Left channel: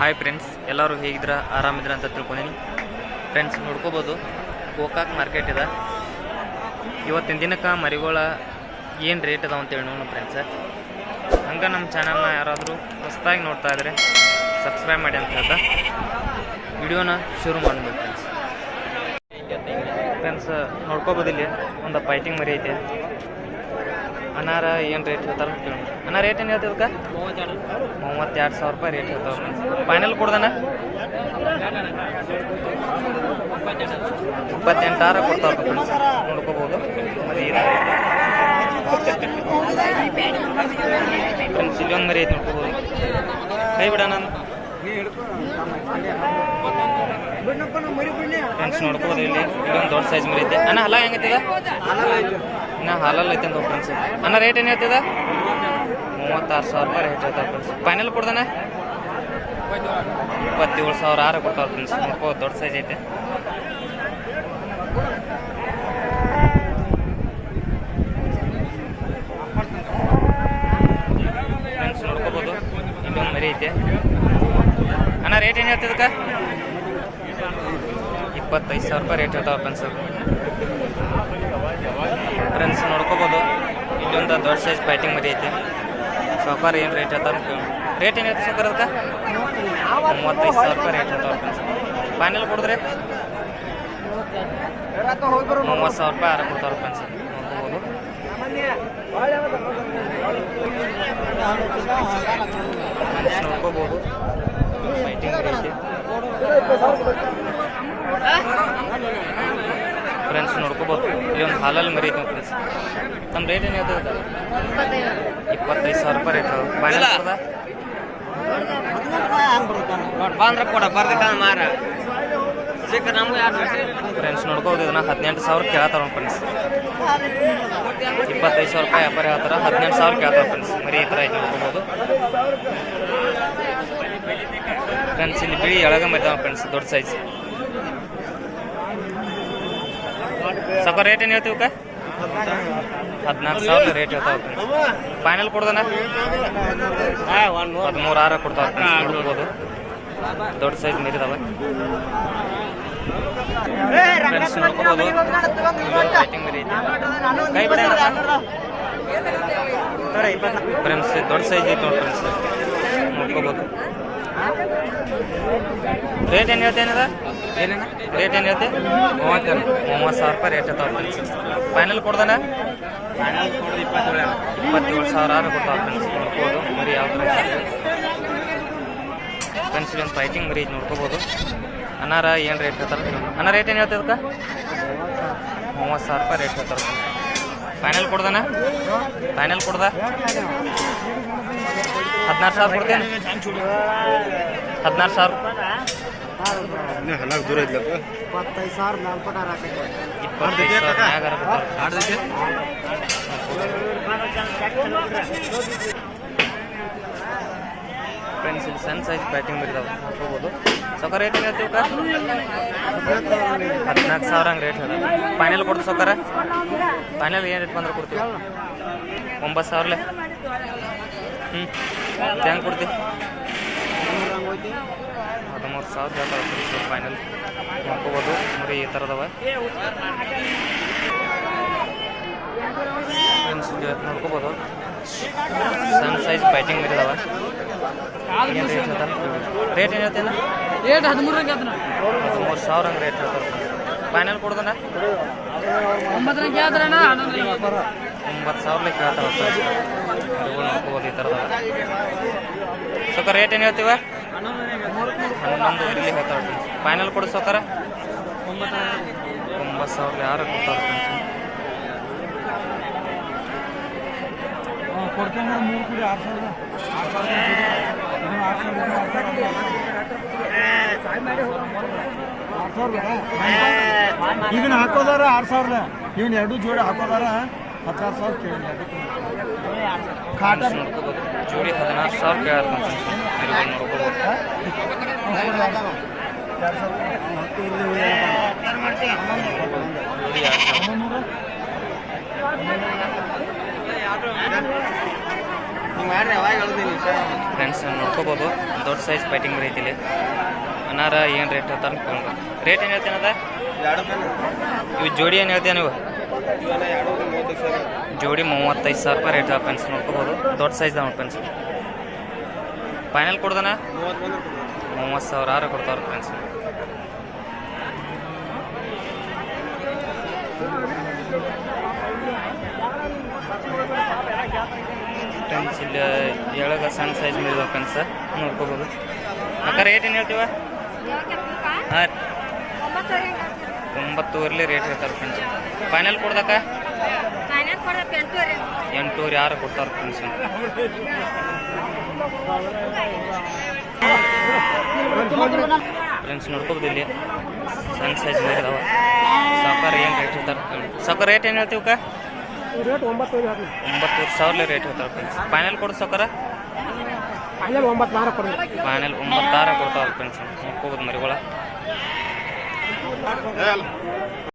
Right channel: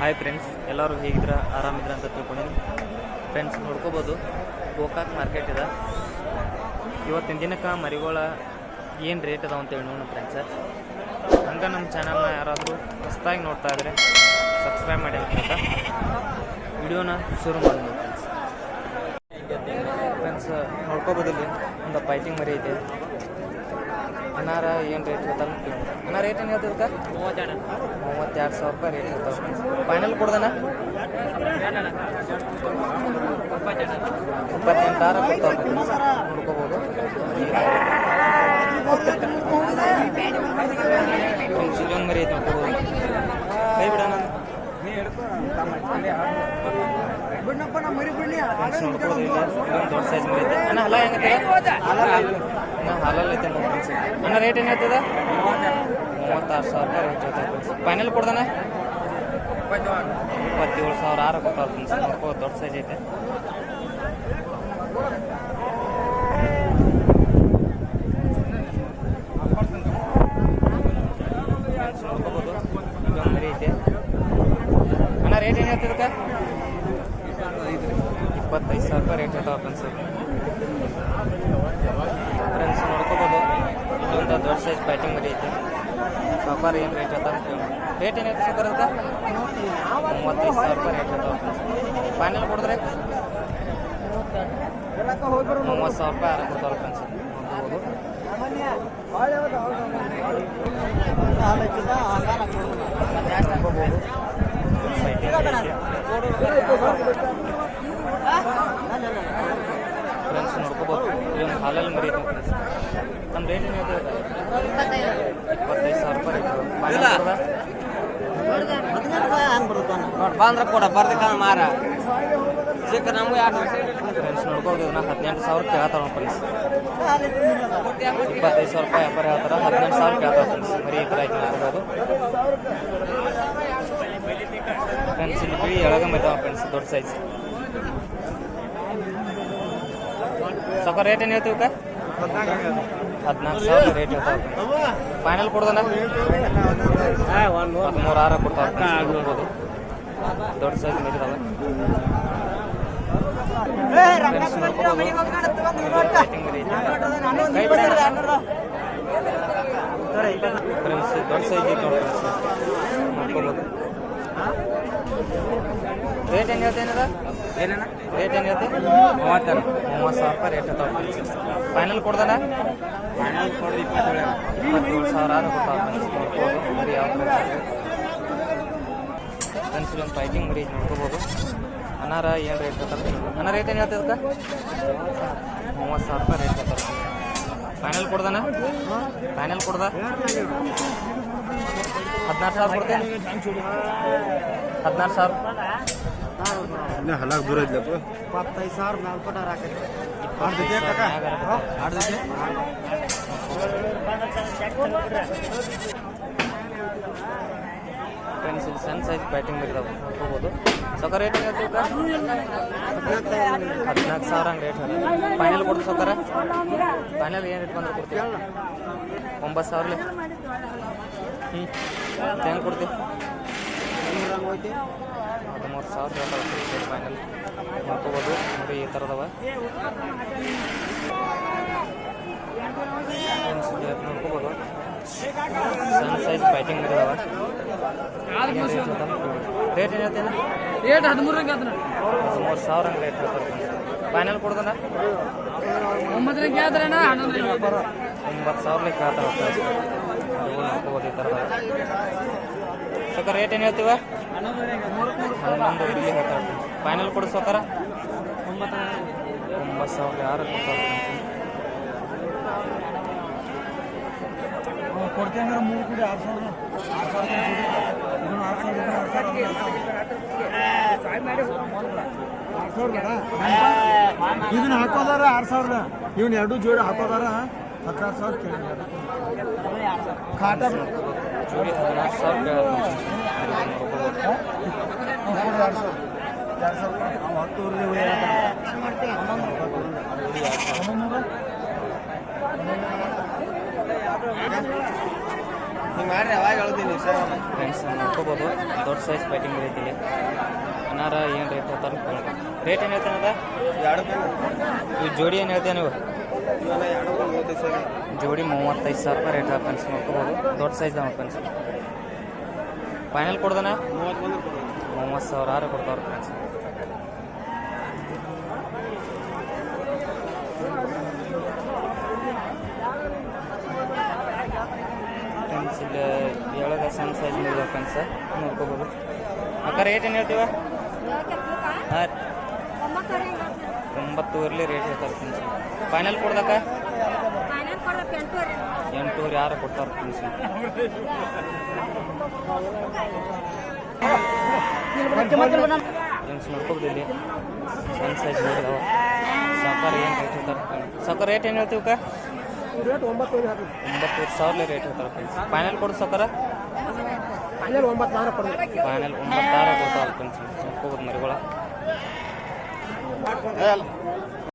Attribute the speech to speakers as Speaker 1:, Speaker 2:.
Speaker 1: Hi friends ಎಲ್ಲರೂ ಹೇಗಿದ್ರ ಆರಾಮಿದ್ರ ಅಂತ ತಿಳ್ಕೊಂಡಿನಿ. Friends ನೋಡ್ಕೋಬೋದು. ಗೋಕಾಕ್ ಮಾರ್ಕೆಟ್ ಇದೆ. ಇವತ್ತಿನ ದಿನಕ್ಕೆ ಮರಿಗಳ ಏನು ರೇಟ್ ಅದಾವ ಅಂತೇಳಿ ನೋಡೋಣ ಫ್ರೆಂಡ್ಸ್ ಹಂಗೆ ನಮ್ಮ ಚಾನಲ್ನ ಯಾರಾದರೂ ಹೊಸದಾಗಿ ನೋಡ್ತಾ ಇದ್ರೆ ಸಬ್ಸ್ಕ್ರೈಬ್ ಮಾಡಿ ಅಂತ ಹೇಳ್ತಾ. ವಿಡಿಯೋನ ಶುರು ಮಾಡ್ಬೋದು ಫ್ರೆಂಡ್ಸ್ ಫ್ರೆಂಡ್ಸ್ ನೋಡ್ಕೋಬೋದು ಇಲ್ಲಿ. ಒಂದು ಪೈಟಿಂಗ್ ಮರಿ ಐತೆ. ಅನಾರ ಏನು ರೇಟ್ ಹೇಳ್ತಾರೆ ಕೇಳ್ಬೋದು ಅನ್ನ ರೇಟ್ ಏನು ಹೇಳ್ತೀವಿ ಮೂವತ್ತೆರಡು ಸಾವಿರ ರೂಪಾಯಿ ರೇಟ್ ಹೇಳ್ತಾವೆ ಫ್ರೆಂಡ್ಸ್ ಫೈನಲ್ ಕೊಡ್ದನ ಇಪ್ಪತ್ತೆಂಟಾರ ಕೊಡ್ತಾವ್ರ ಫ್ರೆಂಡ್ಸ್ ನೋಡ್ಕೋಬೋದು. ಮರಿ ಫ್ರೆಂಡ್ಸ್ ಇಲ್ಲೊಂದು ಮರಿ ಐತೆ ನೋಡ್ಕೋಬೋದು. ಕೈ ಬಿಡೋಣ ಫ್ರೆಂಡ್ಸ್ ನೋಡ್ಕೋಬೋದು ಇಲ್ಲಿ. ಇಲ್ಲೊಂದು ದೊಡ್ಡ ಸೈಜ್ ಮರಿ ಐತೆ. ಅಣ್ಣ, ಹಲ ಹೆಂಗೈತೆ? ಇನ್ನು ಹಾಲಲ್ಲಿ ಐತೆ ಅಂತ ಫ್ರೆಂಡ್ಸ್ ಅಣ್ಣ ರೇಟ್ ಏನು ಹೇಳ್ತದ ಮೂವತ್ತಾರು ಸಾವಿರ ರೂಪಾಯಿ ರೇಟ್ ಹೇಳ್ತಾವೆ ಫ್ರೆಂಡ್ಸ್ ಫೈನಲ್ ಕೊಡ್ದಾನೆ? ಇಪ್ಪತ್ತೇಳು ಸಾವಿರ ಆರು ಕೊಟ್ಟವ್ರು ಫ್ರೆಂಡ್ಸ್ ನೋಡ್ಕೋ, ದೊಡ್ಡ ಸೈಜ್ ಐತೆ. ಫ್ರೆಂಡ್ಸ್ ನೋಡ್ಕೋಬೋದು. ಇಲ್ಲೊಂದು ಮರಿ ಐತೆ. ಅಣ್ಣ ರೇಟ್ ಏನು ಹೇಳ್ತದಕ್ಕ ಇಪ್ಪತ್ತೈದು ಸಾವಿರ ರೂಪಾಯಿ ರೇಟ್ ಹೇಳ್ತಾವ ಫ್ರೆಂಡ್ಸ್ ಫ್ರೆಂಡ್ಸ್ ನೋಡ್ಕೋಬೋದು. ಇಲ್ಲೊಂದು ದೊಡ್ಡ ಸೈಜ್ ಬ್ಯಾಟಿಂಗ್ ಮರಿ ಐತೆ. ಸೋಫಾರ್ ಏನು ರೇಟ್ ಹೇಳ್ತಾರ ರೇಟ್ ಏನೈತೆ ಸಾಕಾರ ಅದಕ್ಕೆ? ಮೂವತ್ತೈದು ಸಾವಿರ ರೂಪಾಯಿ ರೇಟ್ ಹೇಳ್ತಾವ ಫ್ರೆಂಡ್ಸ್ ಫೈನಲ್ ಕೊಡಿದ್ರೆ? ಮೂವತ್ತು ಸಾವಿರ ರೂಪಾಯಿ ಆರ ಕೊಡ್ತಾವ್ರ ಫ್ರೆಂಡ್ಸ್ ನೋಡ್ಕೋಬೋದು. ನೋಡ್ಕೋಬೋದು. ಐತೆ. ಫ್ರೆಂಡ್ಸ್ ನೋಡ್ಕೋಬೋದು. ಇಲ್ಲಿ ಒಂದು ಹಾಲಲ್ಲಿ ಮರಿ ಐತೆ ಫ್ರೆಂಡ್ಸ್ ನಮ್ಮ ರೇಟ್ ಏನು ಅದು ಇಪ್ಪತ್ತೈದು ಸಾವಿರ ರೂಪಾಯಿ ರೇಟ್
Speaker 2: ಬಂದ್ರೆ ಕೊಡ ಬರ್ದಕ್ಕ ಮಾರ. ಸಿಕ್ಕ ನಮಗೂ ಯಾರು
Speaker 1: ಫ್ರೆಂಡ್ಸ್ ನೋಡ್ಕೋಬೋದು ಇದನ್ನ ಹದಿನೆಂಟು ಸಾವಿರ ಕೇಳತ್ತಾರ ಫ್ರೆಂಡ್ಸ್ ಇಪ್ಪತ್ತೈದು ಸಾವಿರ ರೂಪಾಯಿ ವ್ಯಾಪಾರ ಹೇಳ್ತಾರ ಹದಿನೆಂಟು ಸಾವಿರ ಕೇಳ್ತಾರ ಫ್ರೆಂಡ್ಸ್ ಮರಿ ಈ ಥರ ಐತೆ ನೋಡ್ಕೋಬೋದು. ಫ್ರೆಂಡ್ಸ್ ಇಲ್ಲಿ ಬಿಳಿ ಎಳಗ ಮರಿತಾವ ಫ್ರೆಂಡ್ಸ್ ದೊಡ್ಡ ಸೈಜ್ ಸಾಕ ರೇಟ್ ಏನು ಹೇಳ್ತೀವಿ ಹದಿನಾಲ್ಕು ಸಾವಿರ ರೇಟ್ ಹೇಳ್ತಾವ ಫೈನಲ್ ಕೊಡ್ದನ? ಹದಿಮೂರು ಆರ ಕೊಡ್ತಾವ ಹುಡುಕ್ಬೋದು ದೊಡ್ಡ ಸೈಜ್ ಮೀರಿದಾವೆ ಫ್ರೆಂಡ್ಸ್ ನೋಡ್ಕೋಬೋದು. ಐತೆ ಫ್ರೆಂಡ್ಸ್ ದೊಡ್ಡ ಸೈಜ್ ಐತಿ ನೋಡಿ ಫ್ರೆಂಡ್ಸ್ ನೋಡ್ಕೋಬೋದು. ರೇಟ್ ಏನು ಹೇಳ್ತೇನದ ರೇಟ್ ಏನು ಹೇಳ್ತೆ? ಮೂವತ್ತೇನು ಮೂವತ್ತು ಸಾವಿರ ರೂಪಾಯಿ ರೇಟ್ ಇರ್ತಾವ ಫ್ರೆಂಡ್ಸ್ ಫೈನಲ್ ಕೊಡ್ದಾನ? ಇಪ್ಪತ್ತೇಳು ಸಾವಿರ ಆರು ಕೊಡ್ತಾವ ಫ್ರೆಂಡ್ಸ್ ನೋಡ್ಬೋದು. ಮರಿ ಯಾವ ಥರ ಫ್ರೆಂಡ್ಸ್ ಇದೊಂದು ಫೈಟಿಂಗ್ ಮರಿ ನೋಡ್ಕೋಬೋದು. ಅನಾರ ಏನು ರೇಟ್ ಹೇಳ್ತಾರೆ. ಅನ್ನ ರೇಟ್ ಏನು ಹೇಳ್ತದೆ ಅದಕ್ಕೆ ಮೂವತ್ತು ಸಾವಿರ ರೂಪಾಯಿ ರೇಟ್ ಹೇಳ್ತಾರೆ. ಫೈನಲ್ ಕೊಡ್ದಾನ? ಫೈನಲ್ ಕೊಡ್ದ? ಹದಿನಾರು ಸಾವಿರ ಕೊಡ್ತೇನೆ. ಹದಿನಾರು ಸಾವಿರ.
Speaker 2: ಇಪ್ಪತ್ತೈದು ಸಾವಿರ ಮೇಲ್ಪಟ್ಟಾರ
Speaker 1: ಇಪ್ಪತ್ತೈದು ಸಾವಿರ ಮ್ಯಾಗಾರ ಫ್ರೆಂಡ್ಸ್ ಇಲ್ಲಿ ಸಣ್ಣ ಸೈಜ್ ಬ್ಯಾಟಿಂಗ್ ಬರಿದಾವೆ ಹೋಗ್ಬೋದು ಸೊಕ್ಕ ರೇಟ್ ಏನು ಹೇಳ್ತೀವಿ ಹದಿನಾಲ್ಕು ಸಾವಿರ ಹಂಗೆ ರೇಟ್ ಹೇಳ ಫೈನಲ್ ಕೊಡ್ತೀವಿ ಸೊಕ್ಕರ ಫೈನಲ್ ಏನು ರೇಟ್ ಬಂದ್ರೆ ಕೊಡ್ತೀವಿ? ಒಂಬತ್ತು ಸಾವಿರಲೆ? ಹ್ಞೂ ಕೊಡ್ತಿ? ಕೊಡ್ತೀವಿ ಹದಿಮೂರು ಸಾವಿರ ಹೇಳ್ತಾರೆ ಫ್ರೆಂಡ್ಸ್ ಫೈನಲ್ ನೋಡ್ಕೋಬೋದು. ಮರಿ ಈ ಥರದವ ಫ್ರೆಂಡ್ಸ್ ನೋಡ್ಕೋಬೋದು. ಸಣ್ಣ ಸೈಜ್ ಫೈಟಿಂಗ್ ಮರಿದಾವ ಏನು ರೇಟ್ ಹೇಳ್ತಾರೆ? ರೇಟ್ ಏನು ಹೇಳ್ತೇನ
Speaker 2: ರೇಟ್ ಅದನ್ನ
Speaker 1: ಹದಿಮೂರು ಸಾವಿರ ಹಂಗೆ ರೇಟ್ ಹೇಳ್ತಾರೆ ಫೈನಲ್
Speaker 2: ಕೇಳಿದ್ರಣ್ಣ ಹನ್ನೊಂದರಂಗೆ
Speaker 1: ಒಂಬತ್ತು ಸಾವಿರ ಲೆಕ್ಕ ಫ್ರೆಂಡ್ಸ್ ಈ ಥರದವ ಸೊಕ್ಕ ರೇಟ್ ಏನು ಹೇಳ್ತೀವ ಹನ್ನೊಂದು ಇಲ್ಲಿ ಹೇಳ್ತಾರೆ ಫೈನಲ್ ಕೊಡು ಸೊಕ್ಕರ ಒಂಬತ್ತು ಸಾವಿರ ಯಾರು ಕೊಡ್ತಾರೆ
Speaker 3: ಕೊಡ್ತೇನೆ ಮೂರು ಕೂಡಿ ಆರು ಸಾವಿರದ ಆರು ಸಾವಿರದ ಇದನ್ನು ಆರು ಸಾವಿರ ಇದನ್ನು ಆರು ಸಾವಿರ ಆರು ಸಾವಿರ ಬೇಡ ಇದನ್ನ ಹಾಕೋದಾರ ಆರು ಸಾವಿರ ಇವನ್ ಎರಡು ಜೋಡಿ ಹಾಕೋದಾರ ಹತ್ತಾರು ಸಾವಿರ के ಕಾಟ
Speaker 1: चोरी ಜೋಡಿ ಹದಿನಾರು ಸಾವಿರ
Speaker 3: ಎರಡು ಸಾವಿರ. ಹತ್ತು
Speaker 1: ಫ್ರೆಂಡ್ಸ್ ನೋಡ್ಕೋಬೋದು. ದೊಡ್ಡ ಸೈಜ್ ಫೈಟಿಂಗ್ ಬರೀತಿಲಿ ಇಲ್ಲಿ ಅನಾರ ಏನು ರೇಟ್ ಹೇಳ್ತಾರೆ ರೇಟ್ ಏನು ಹೇಳ್ತೇನೆ ಅದ ಇವು ಜೋಡಿ ಏನು ಹೇಳ್ತೇನೆ ನೀವು? ಜೋಡಿ ಮೂವತ್ತೈದು ಸಾವಿರ ರೂಪಾಯಿ ರೇಟ್ ಫ್ರೆಂಡ್ಸ್ ನೋಡ್ಕೋಬೋದು. ದೊಡ್ಡ ಸೈಜ್ ನೋಡಿ ಫ್ರೆಂಡ್ಸ್ ಫೈನಲ್ ಕೊಡ್ದನ?
Speaker 2: ಮೂವತ್ತು
Speaker 1: ಸಾವಿರ ಆರು ಕೊಡ್ತಾವ್ರ ಫ್ರೆಂಡ್ಸ್ ಪೆನ್ಸಿಲ್ ಇಲ್ಲಿ ಎಳಗ ಸಣ್ಣ ಸೈಜ್ ಇದಾವೆ ಫ್ರೆಂಡ್ಸ್ ನೋಡ್ಕೋಬೋದು. ಅಕ್ಕ ರೇಟ್ ಏನು ಹೇಳ್ತೀವ? ಹಾಂ ಒಂಬತ್ತುವರೆಲಿ ರೇಟ್ ಹೇಳ್ತಾರೆ ಫ್ರೆಂಡ್ಸ್ ಫೈನಲ್ ಕೊಡ್ದಕ್ಕ ಎಂಟೂರು ಯಾರು ಕೊಡ್ತಾರೆ ಫ್ರೆಂಡ್ಸ್ ನೋಡ್ಕೋಬೋದು ಇಲ್ಲಿ. ಸಣ್ಣ ಸೈಜ್ ಮೇಲೆ ಇದಾವ ಸಾಕಾರ ಏನು ರೇಟ್ ಹೇಳ್ತಾರೆ ಸಾಕಾರ ರೇಟ್ ಏನು ಹೇಳ್ತೀವಕ್ಕ?
Speaker 3: ಕಾ
Speaker 1: ಒಂಬತ್ತೂರು ಸಾವಿರ ರೇಟ್ ಹೇಳ್ತಾರೆ ಫ್ರೆಂಡ್ಸ್ ಫೈನಲ್ ಕೊಡು ಸಾಕಾರ.
Speaker 3: ಫೈನಲ್ ಒಂಬತ್ತು
Speaker 1: ಒಂಬತ್ತಾರ ಕೊಡ್ತಾವಲ್ಲ ಫ್ರೆಂಡ್ಸ್ ನೋಡ್ಕೋಬೋದು ಮರಿಗಳ.